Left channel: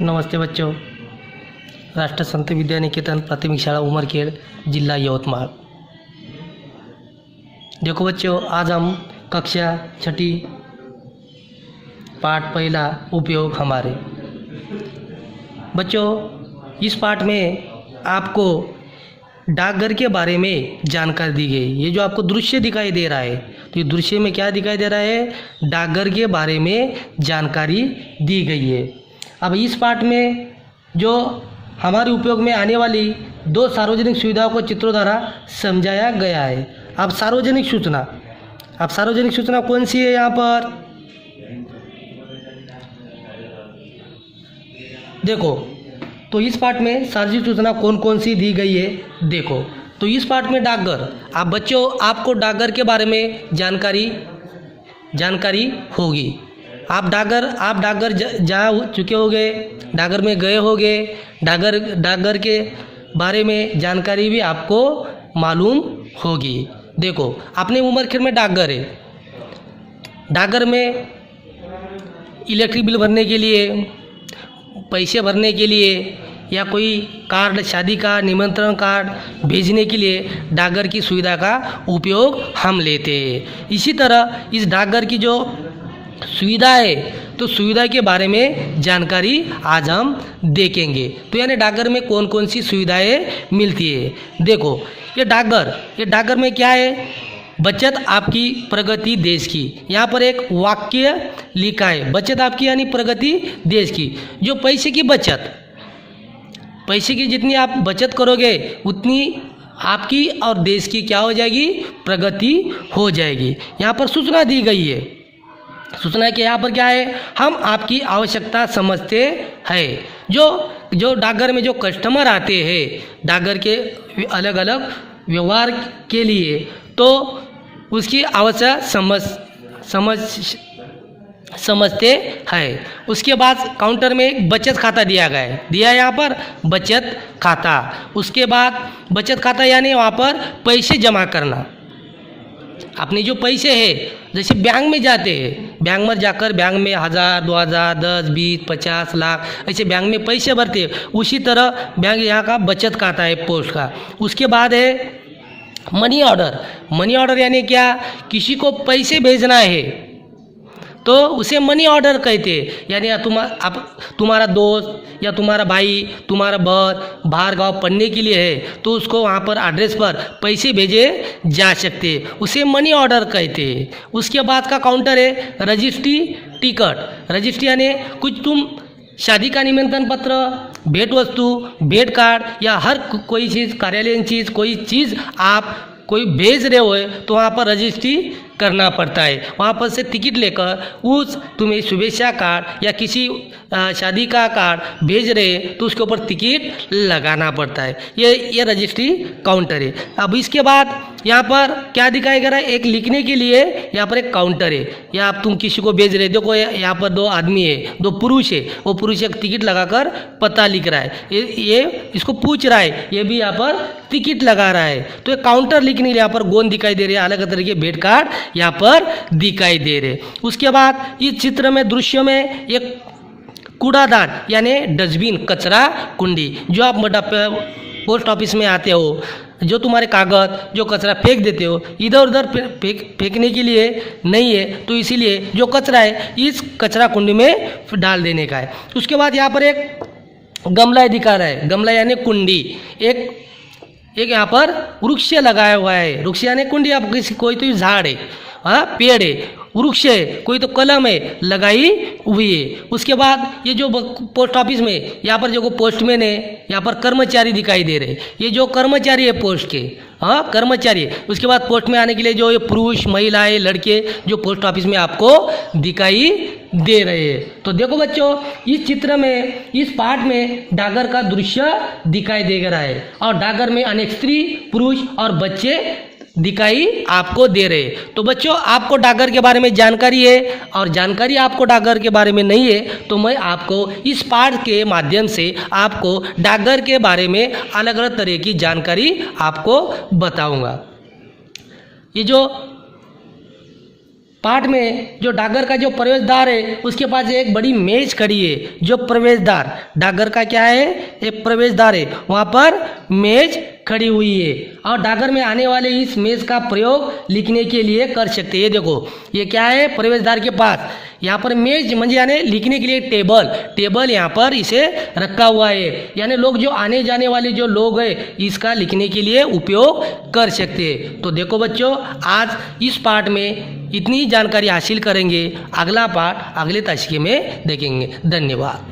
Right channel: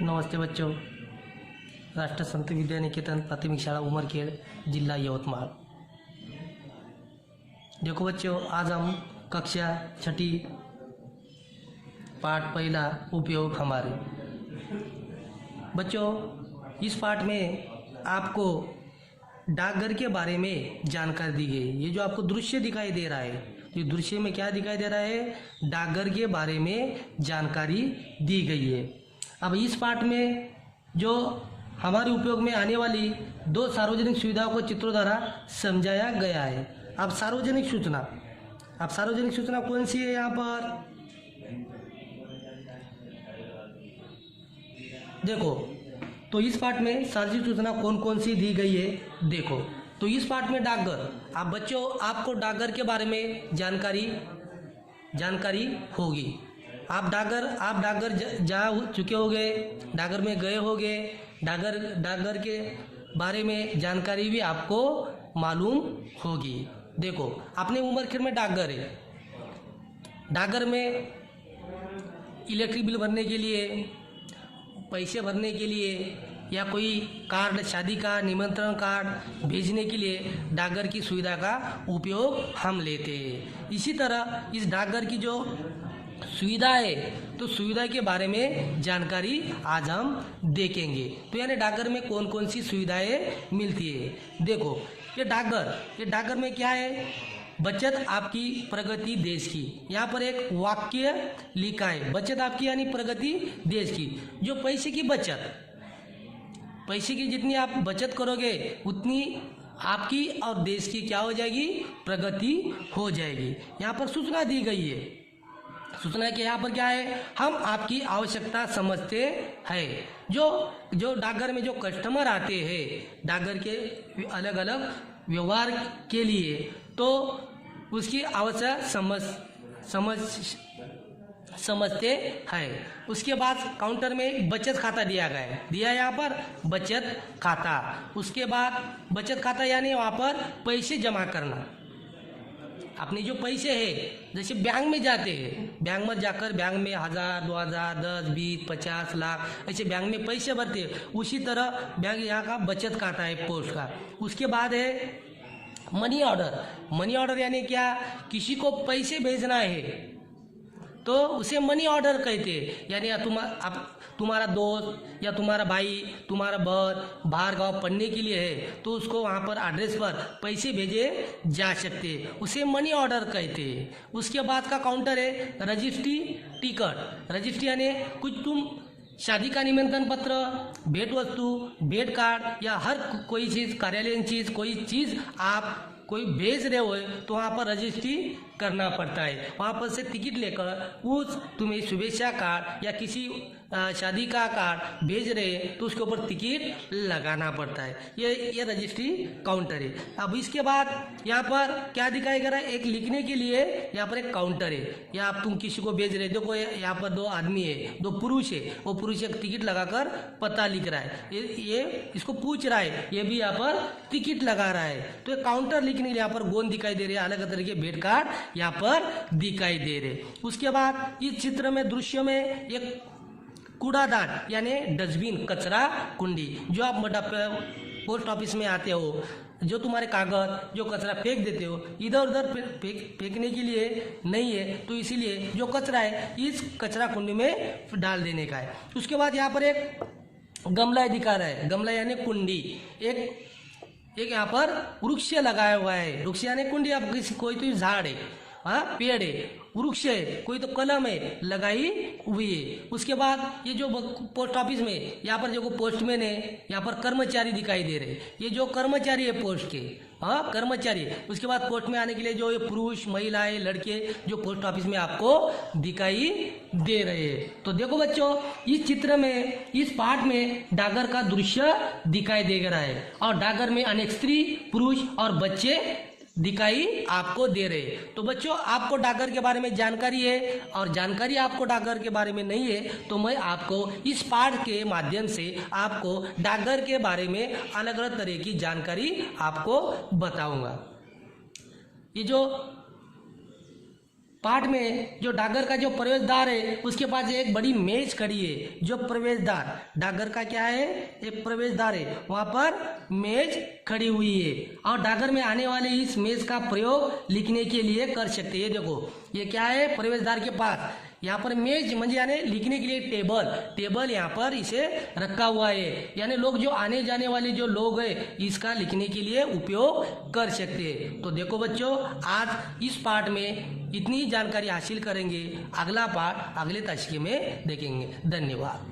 नमस्ते बच्चों। राष्ट्र संत विद्या निकेतन प्राथमिक शाला उमरखेड़, जिला यवतमाल। देखो बच्चों, आज हम कक्षा छठी पाठ पहला उपयोग हमारे। बच्चों, इस पाठ में आपको डाकघर के बारे में जानकारी दी गई। ये जो आपको दृश्य दिखाई दे रहा है, तो ये दृश्य में क्या दिखाई दे रहा है? डाकघर के बारे में जानकारी दी गई है। अब इस पाठ में जो हमारे उपयोग में आने वाली दो सार्वजनिक सुविधाओं को चित्रों द्वारा समझाया गया है। अब सार्वजनिक सूचना कौन सी है? यहाँ पर देखो, तो इस पाठ में सार्वजनिक सूचना कौन कौन सी दी गई है देखो। तो इस पाठ में डाकघर, आप बच्चों आपको डाकघर के बारे में जानकारी होगी। आप डाकघर जा चुके होंगे, डाकघर में गए होंगे, डाकघर के बारे में जानकारी भी आपको मालूम होगी। देखो, अपने उमरखेड़ में डाकघर है। डाकघर में इलेक्ट्रिक बिल भरने के लिए, पैसे भरने के लिए, या कोई कार्ड, शादी का निमंत्रण कार्ड भेजने के लिए डाकघर की सुविधा का उपयोग हम लेते हैं। इसी तरह इस डाकघर की जो सुविधा है, तो सुविधा के बारे में जानकारी आज हम देखेंगे। तो यानी डाकघर में कौन कौन सी सुविधाएं मिलती है। देखो, ये डाकघर में क्या है? बचत आपकी, प्रगति देश की। यहाँ पर एक वाक्य लिखा है, बचत आपकी यानी प्रगति देश की। जो पैसे की जितनी आप बचत करोगे उतनी आपकी और देश की क्या हो जाएगी? प्रगति हो जाएगी। यहाँ पर सूचना दी गई है। सूचना के यहाँ पर क्या है? हम आपकी आवश्यकता समझते हैं। जो डाकघर में जो कस्टमर आते हैं डाकघर के अलग अलग व्यवहार के लिए, तो उसकी आवश्यकता समझते हैं। उसके बाद काउंटर में एक बचत खाता दिया है यहाँ पर बचत खाता। उसके बाद बचत खाता यानी वहाँ पर पैसे जमा करना। अपने जो पैसे है, जैसे बैंक में जाते हैं, बैंक में जाकर बैंक में 1000, 2000, 10, 20, 50 लाख ऐसे बैंक में पैसे भरते हैं। उसी तरह बैंक यहाँ का बचत खाता है पोस्ट का। उसके बाद है मनी ऑर्डर यानी क्या? किसी को पैसे भेजना है तो उसे मनी ऑर्डर कहते हैं। यानी तुम्हारा दोस्त या तुम्हारा भाई, तुम्हारा बहन बाहर गांव पढ़ने के लिए है, तो उसको वहाँ पर एड्रेस पर पैसे भेजे जा सकते हैं, उसे मनी ऑर्डर कहते हैं। उसके बाद का काउंटर है रजिस्ट्री टिकट। रजिस्ट्री यानी कुछ तुम शादी का निमंत्रण पत्र, भेंट वस्तु, भेंट कार्ड या हर कोई चीज़, कार्यालयीन चीज़, कोई चीज़ आप कोई भेज रहे हो तो वहाँ पर रजिस्ट्री करना पड़ता है। वहाँ पर से टिकट लेकर तुम्हें शुभेच्छा कार्ड या किसी शादी का कार्ड भेज रहे तो उसके ऊपर टिकट लगाना पड़ता है। ये रजिस्ट्री काउंटर है। अब इसके बाद यहाँ पर क्या दिखाया गया है? एक लिखने के लिए यहाँ पर एक काउंटर है। या आप तुम किसी को भेज रहे, देखो यहाँ पर दो आदमी है, दो पुरुष है, वो पुरुष एक टिकट लगाकर पता लिख रहा है, ये इसको पूछ रहा है, ये भी यहाँ पर टिकट लगा रहा है। तो एक काउंटर लिखने के लिए यहाँ पर गोंद दिखाई दे रहे हैं, अलग अलग तरह के भेंट कार्ड यहाँ पर दिखाई दे रहे। उसके बाद इस चित्र में, दृश्य में एक कूड़ादान यानी डस्टबिन, कचरा कुंडी। जो आप पोस्ट ऑफिस में आते हो, जो तुम्हारे कागज, जो कचरा फेंक देते हो, इधर उधर फेंकने के लिए नहीं है, तो इसीलिए जो कचरा है इस कचरा कुंडी में डाल देने का है। उसके बाद यहाँ पर एक गमला दिखा रहा है, गमला यानी कुंडी। एक यहाँ पर वृक्ष लगाया हुआ है। वृक्ष यानी कुंडी। आप कोई तो झाड़ है, हाँ पेड़ है, वृक्ष है, कोई तो कलम है लगाई हुई है। उसके बाद ये जो पोस्ट ऑफिस में यहाँ पर जो पोस्टमैन है, यहाँ पर कर्मचारी दिखाई दे रहे। ये जो कर्मचारी है पोस्ट के, हाँ कर्मचारी है। उसके बाद पोस्ट में आने के लिए जो ये पुरुष, महिलाएं, लड़के जो पोस्ट ऑफिस में आपको दिखाई दे रहे हैं। तो देखो बच्चों, इस चित्र में, इस पाठ में डाकघर का दृश्य दिखाई दे रहा है और डाकघर में अनेक स्त्री, पुरुष और बच्चे दिखाई आपको दे रहे। तो बच्चों, आपको डाकघर के बारे में जानकारी है और जानकारी आपको डाकघर के बारे में नहीं है, तो मैं आपको इस पाठ के माध्यम से आपको डाकघर के बारे में अलग अलग तरह की जानकारी आपको बताऊंगा। ये जो पार्ट में जो डाकघर का जो प्रवेश द्वार है उसके पास एक बड़ी मेज खड़ी है। जो प्रवेश द्वार डाकघर का क्या है, एक प्रवेश द्वार है, वहाँ पर मेज खड़ी हुई है और डाकघर में आने वाले इस मेज का प्रयोग लिखने के लिए कर सकते हैं। ये देखो ये क्या है, प्रवेश द्वार के पास यहाँ पर मेज म्हणजे यानी लिखने के लिए टेबल यहाँ पर इसे रखा हुआ है, यानी लोग जो आने जाने वाले जो लोग हैं इसका लिखने के लिए उपयोग कर सकते हैं। तो देखो बच्चों, आज इस पार्ट में इतनी जानकारी हासिल करेंगे, अगला पार्ट अगले तासिके में देखेंगे। धन्यवाद।